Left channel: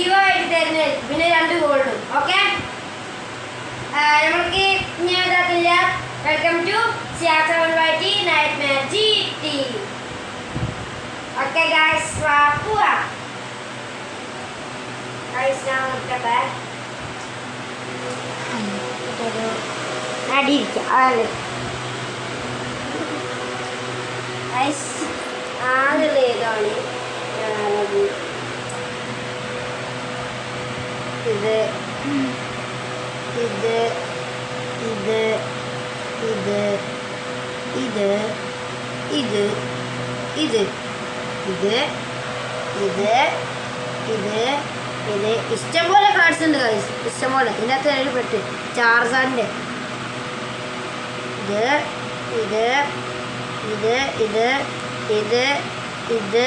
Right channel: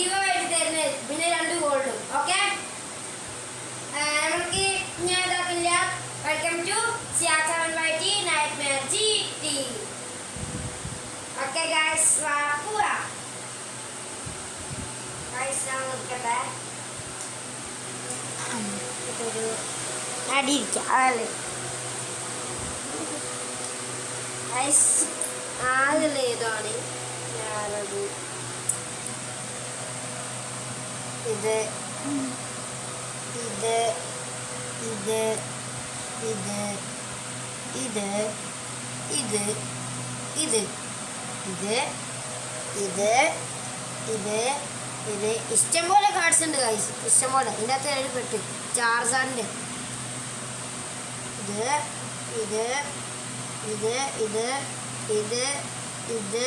Give ആയിട്ട് തരുന്നതായിരിക്കും. പിന്നെ 2 ഗോൾഡും. ഓക്കെ, നമ്മൾക്ക് ഞാൻ ഇതാക്കില്ല. Welcome to CR7YT Nightmare GT. Okay guys, പോവാ ഗൈസ്. ഞാൻ നോക്കട്ടെ, അടിയിടിക്കാം. അതിലേതാണ് ഞാനത് ഇത് ഇത് ഇത് ഇത് ഇത് ഇത് ഇത് ഇത് ഇത് ഇത് ഇത് ഇഷ്ടംപോലെ കാർഡ്സ് ഉണ്ട് ഗൈസ്, ഇഷ്ടംപോലെ. ഇതിനകത്ത് എനിക്ക് പെട്ട് ചാർജാറിൻ്റെ ഇത് ഇത് ഇത് ഇത് ഇത് ഇത്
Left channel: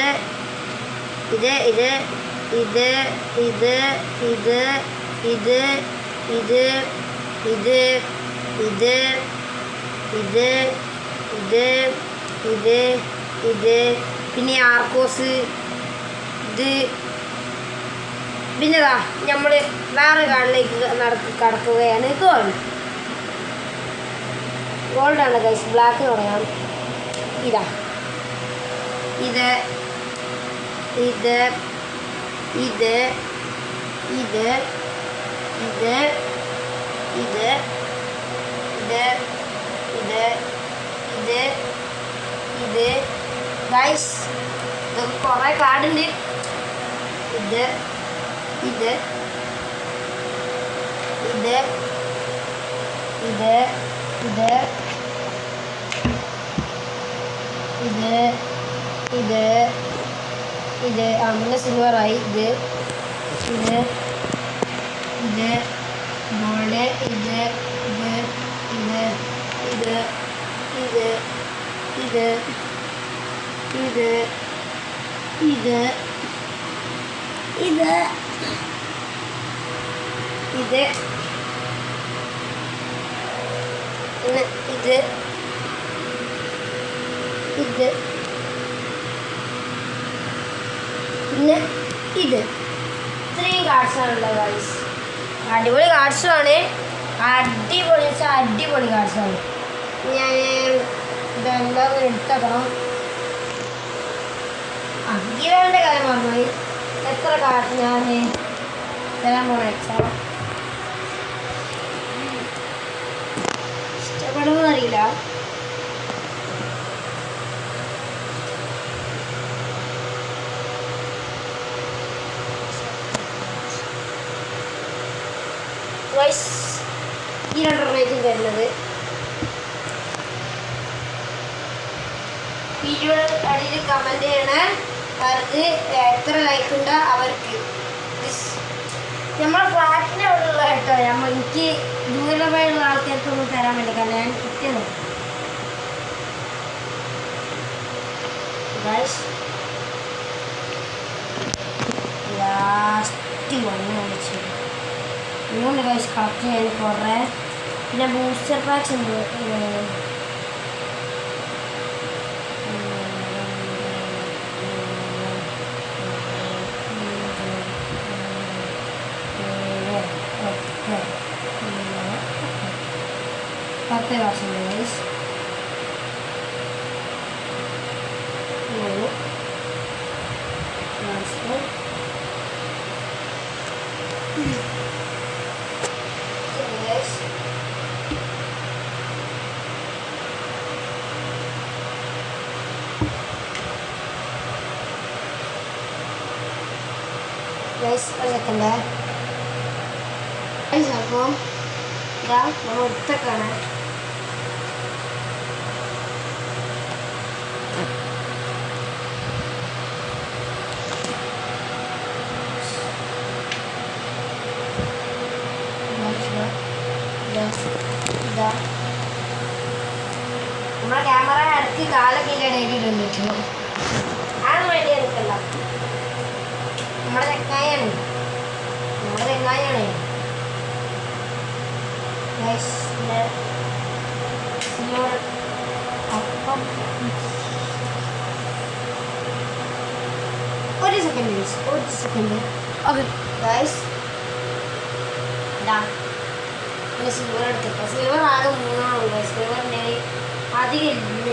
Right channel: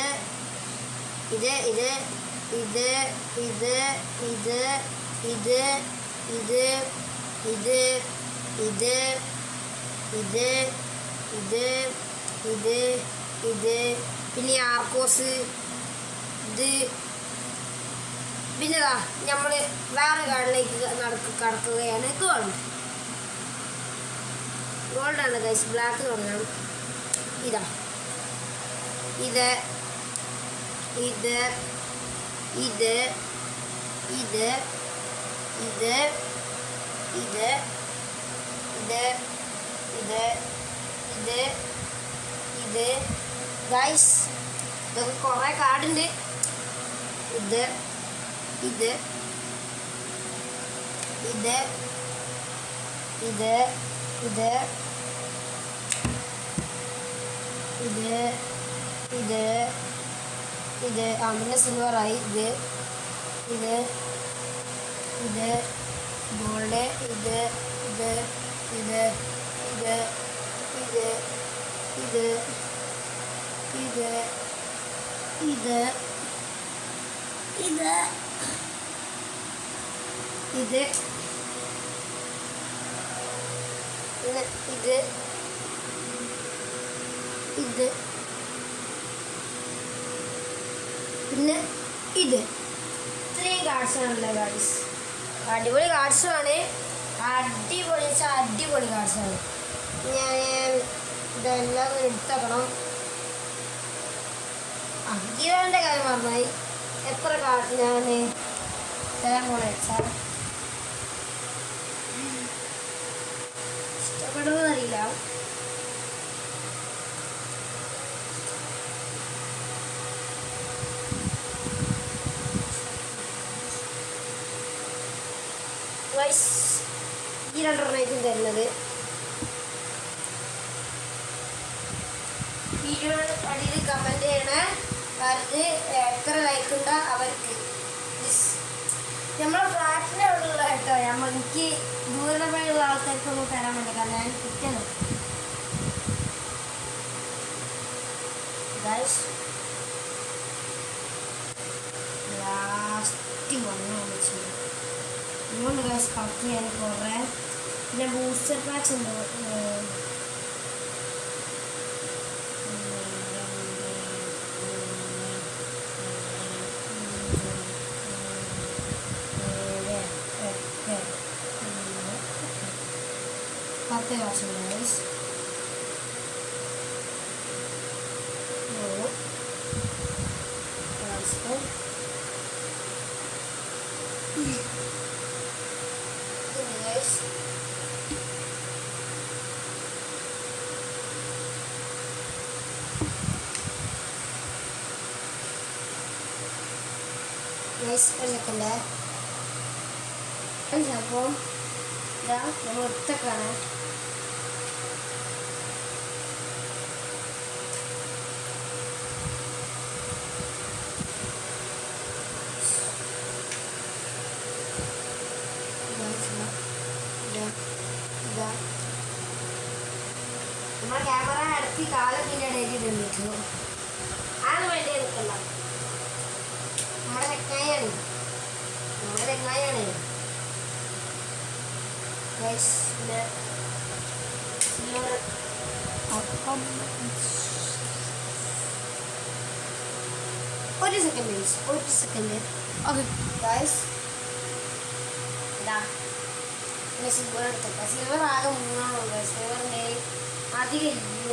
ഇത് ഇത് ഇത് ഇത് ഇത് ഇത് ഇത് ഇത് ഇത് ഇത് ഇത് ഇത് ഇത് പിന്നെ ആർക്കോസ് ഇത്. പിന്നെതാ നമ്മൾ വേറെ കാർഡിലേക്ക് കടക്കുകയാണ്. ഗോൾഡാണ് ഗൈസ്, ബ്ലാക്ക് തുടങ്ങാം. ഇതാ ഇത് ഇത് ഇത് ഇത് ഇത് ഇത് ഇത് ഇത് ഇത് ഇത് ഗൈസ്, കുറേ കാർഡുണ്ട്. ഇത് ഇത് ഇത് ഇത് ഇത് ഇത് ഇത് ഇത് അങ്ങനെ സിൽവറായി. ഇത് ഇത് ഇത് ഗോൾഡ്. ഇത് ഇത് ഇത് ഇത് ഇത് ഇത് ഇത് ഇത് ഇത് ഇത് ഇത് ഇത് പിന്നെ ഇത്. ഇത്രയും കാർഡ്സാണുള്ളത് ഗൈസ്. അടിപൊളി കാർഡ്സുമാണ്, അടിപൊളി കാർഡ്സാണ്. ഞാൻ ഇതെന്താ എടുത്തക്കണം. ഗിവന്റെ കാര്യം പറഞ്ഞാൽ എത്ര കാർഡ് ഞാൻ തരാൻ പോണ വെച്ചാൽ ഇഷ്ടപ്പെടുമെന്ന് അറിയില്ല. ഈ 2 തരുന്നത് വീഡിയോയുടെ അടിയിൽ കമൻറ്റ് ചെയ്യണേ. അവർക്ക് എത്ര ലൈക്ക് ഉണ്ടോ അവർക്ക്. നമ്മളെ ഫ്ലാറ്റിൻ്റെ അവിടെ ഉള്ള കേട്ടോ, എനിക്ക് ദൂരമായുള്ള ആൾക്കാർക്കൊന്നും തരാൻ വേണ്ടി, കാരണം ഞാൻ കിട്ടിയത് ലാസ്റ്റ് വന്ന് വിളിച്ചു. ഇന്നുണ്ട് ഗൈസ് കളക്ട് ചെയ്യാൻ കുറേ. പിന്നെ ബൂസ്റ്റർ പാക്സ് ഉണ്ട്. പത്ത് വർഷം ഗൈസ്. Guys, സെക്കൻഡ് അപ്പോൾ ഇതാ നമ്മൾ ഇട്ടൊക്കെയാണ്. നമ്മുടെ ക്യാമറ അടുത്ത് കാലൊക്കെ ഇടയിട്ടുണ്ട്. അതൊന്നും വേണ്ടി എടുക്കല്ല. നമ്മുടെ ചെങ്ങായാണ്. ഒരു സെക്കൻഡ്. ഓക്കെ ഗൈസ് പിന്നെ സിൽവർ എടുത്തിട്ട് സിൽവർ ആകെ 3 സിൽവറിൻ്റെ അധികം ഇല്ല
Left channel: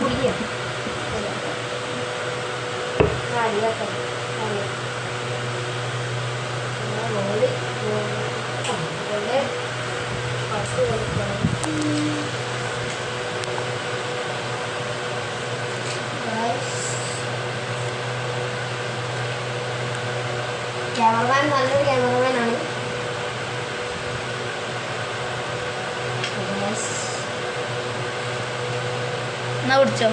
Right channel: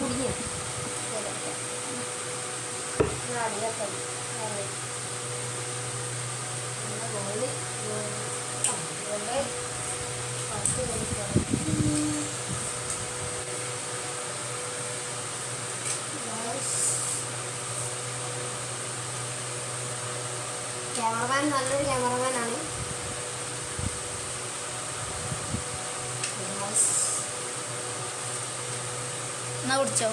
പൊടിയ അടിയൊക്കെ ഗോൾഡ് ഫസ്റ്റ് ക്യാമറമാൻ നല്ലൊരു ക്യാമറമാനാണ്. എന്നാ പിടിച്ചോ.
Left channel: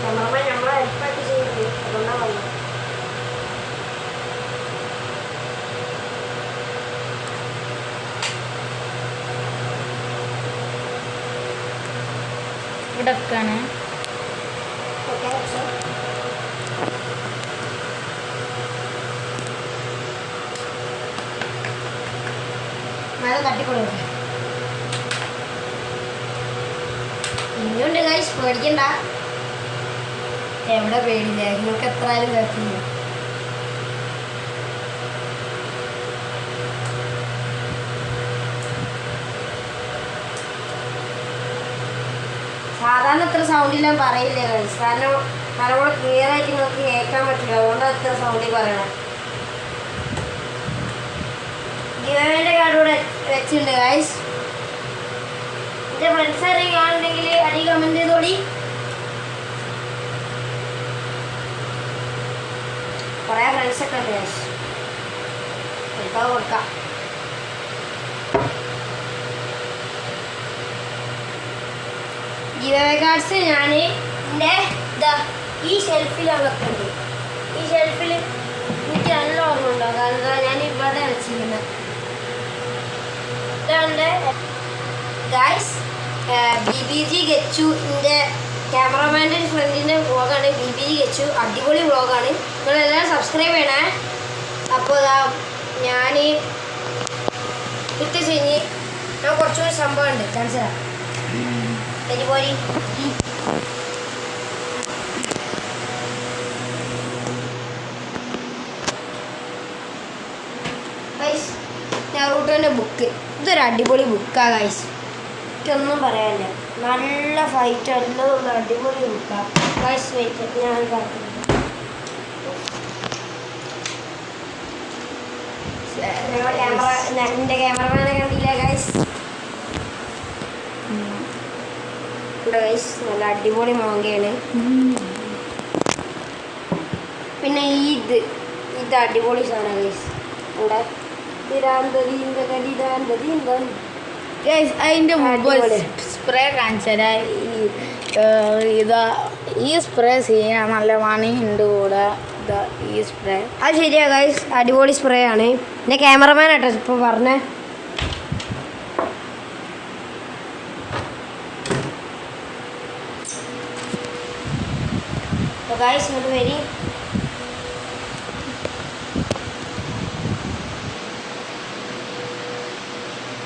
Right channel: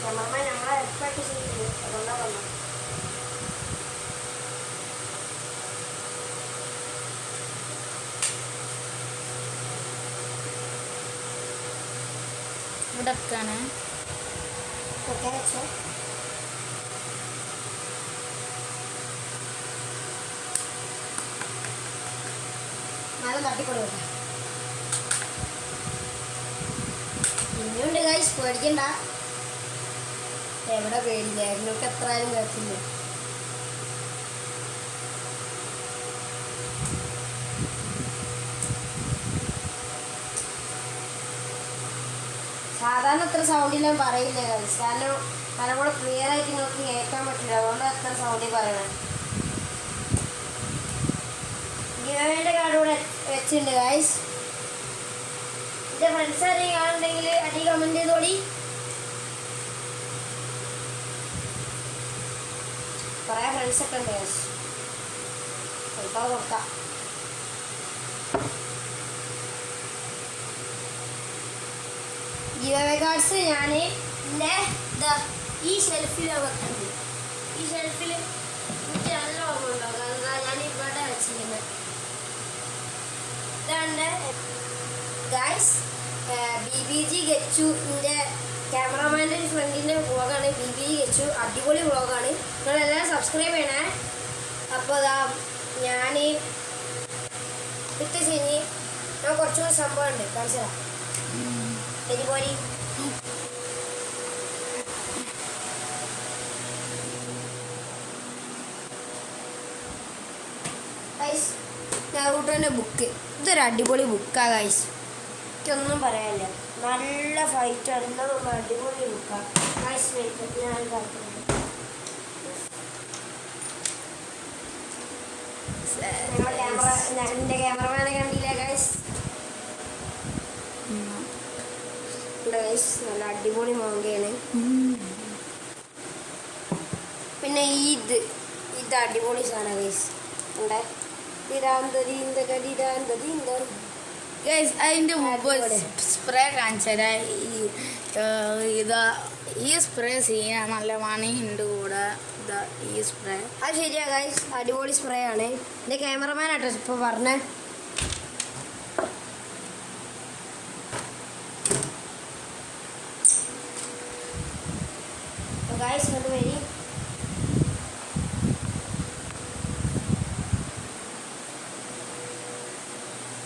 ക്യാമറമാൻ നമ്മളെ ഹെൽപ്പായിട്ട് ചെയ്യുന്നുണ്ട്, അതുകൊണ്ടാണ് വന്നത്. ഇവിടെ വെക്കാണ്. ഓക്കെ മഴ തട്ടിക്കൊടുക്കട്ടെ. ഇനിയുണ്ട് ഗൈസ്, പേടിക്കണ്ട. എവിടെ പേടില്ല, നിങ്ങൾക്ക് എത്ര ആയാലും കുഴപ്പമില്ല. സാധാരണ അത്ര സൗണ്ടിൽ ഞാൻ പറയില്ല ഗൈസ്, കാരണം നല്ലപോലെ ക്ലിയർ ആയിട്ട് നിങ്ങൾക്ക് കേൾക്കാൻ പറ്റില്ല, അതുകൊണ്ടാണ് അത്ര സൗണ്ടിൽ പറയണേ. ഗിവന്റെ കാർഡ് കൂടെ വെച്ചിട്ടുണ്ട് ഗൈസ്. എൻ്റെ ഫ്രണ്ട്സ് ആരെയും കാണുന്നുണ്ടെങ്കിൽ അടി കമൻറ്റ് ചെയ്തോടി. കുറേ ഫ്രണ്ട്സൊക്കെ ഉണ്ട് ഗൈസ്, കൊടുക്കാം കൊടുക്കാം. ഗിവ് കാർഡ്സ് ഞാൻ എൻ്റെ ഈ ഷെൽഫിലാണ് വെക്കുന്നത്. ഈ ഷെൽഫിൽ എനിക്ക് നല്ല ഓർമ്മ ഉണ്ടോ, കാരണം ഞാൻ ഇവിടെ വെച്ചിരിക്കുന്നത്. ഇതാണ് ഗൈസ് BBG ഗച്ചുവിൻ്റെ ക്യാമറമാൻ്റെ ഫ്രണ്ടിൻ്റെ വ്ളോഗാണ്. BBG ഗച്ചു അടിപൊളി വ്ളോഗാണ്, നിങ്ങളെല്ലാവരും സബ്സ്ക്രൈബ് ചെയ്യണേ. അപ്പോൾ ഞാൻ ഇട്ട് കഴിഞ്ഞ് ഞാൻ കുറച്ചുകൂടി സംഭവമുണ്ട്, കാണിച്ചു തരാം. പോരി ഗൈസ്, നറൂട്ടോൻ്റെ ബുക്ക്, ഇതൊരു അടിപൊളി ബുക്കാണ് ഗൈസ്, എനിക്കൊന്നും പറയാനില്ല. നല്ല ഫൈറ്റ് എല്ലാം അടിപൊളി ബുക്കാണ് ഗൈസ്. വെയിറ്റ് ഞാൻ പറഞ്ഞു, എൻ്റെ ക്യാമറമാനെ കണ്ടില്ല ഗൈസ്. ഗൈസ് നല്ല അടിപൊളി മാങ്ങയാണ്. പിന്നെ ഇത് അടിപൊളി സാധനം ഗൈസ്. ഉണ്ട് അതിൻ്റെ മുമ്പ് സ്പ്രേ കാണിച്ചാൽ ഈ സ്പ്രേ ചെയ്യാൻ നല്ല മണിയുണ്ട് കൂടെ. ഈ സ്പ്രേ അത് ശരിയാ ഗൈസ്, അടിപൊളി സ്പ്രേ ആണ്. എൻ്റെ ക്യാമറമാൻ ആട്ടോ ഇപ്പോൾ പറഞ്ഞേ. ഗൈസ് ഇങ്ങോട്ട് വരി.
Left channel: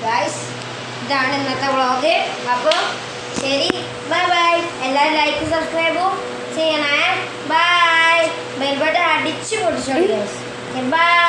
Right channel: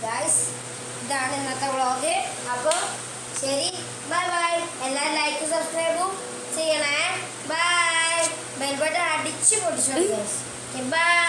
ഗൈസ് ഇതാണ് ഇന്നത്തെ വ്ളോഗ്. അപ്പോൾ ശരി, ബൈ ബൈ. എല്ലാവരും ലൈക്ക് സബ്സ്ക്രൈബും ചെയ്യണേ. ബൈ. ബെൽ ബട്ടൺ അടിച്ചു പൊട്ടിച്ചോളൂ ഗൈസ്. ബൈ.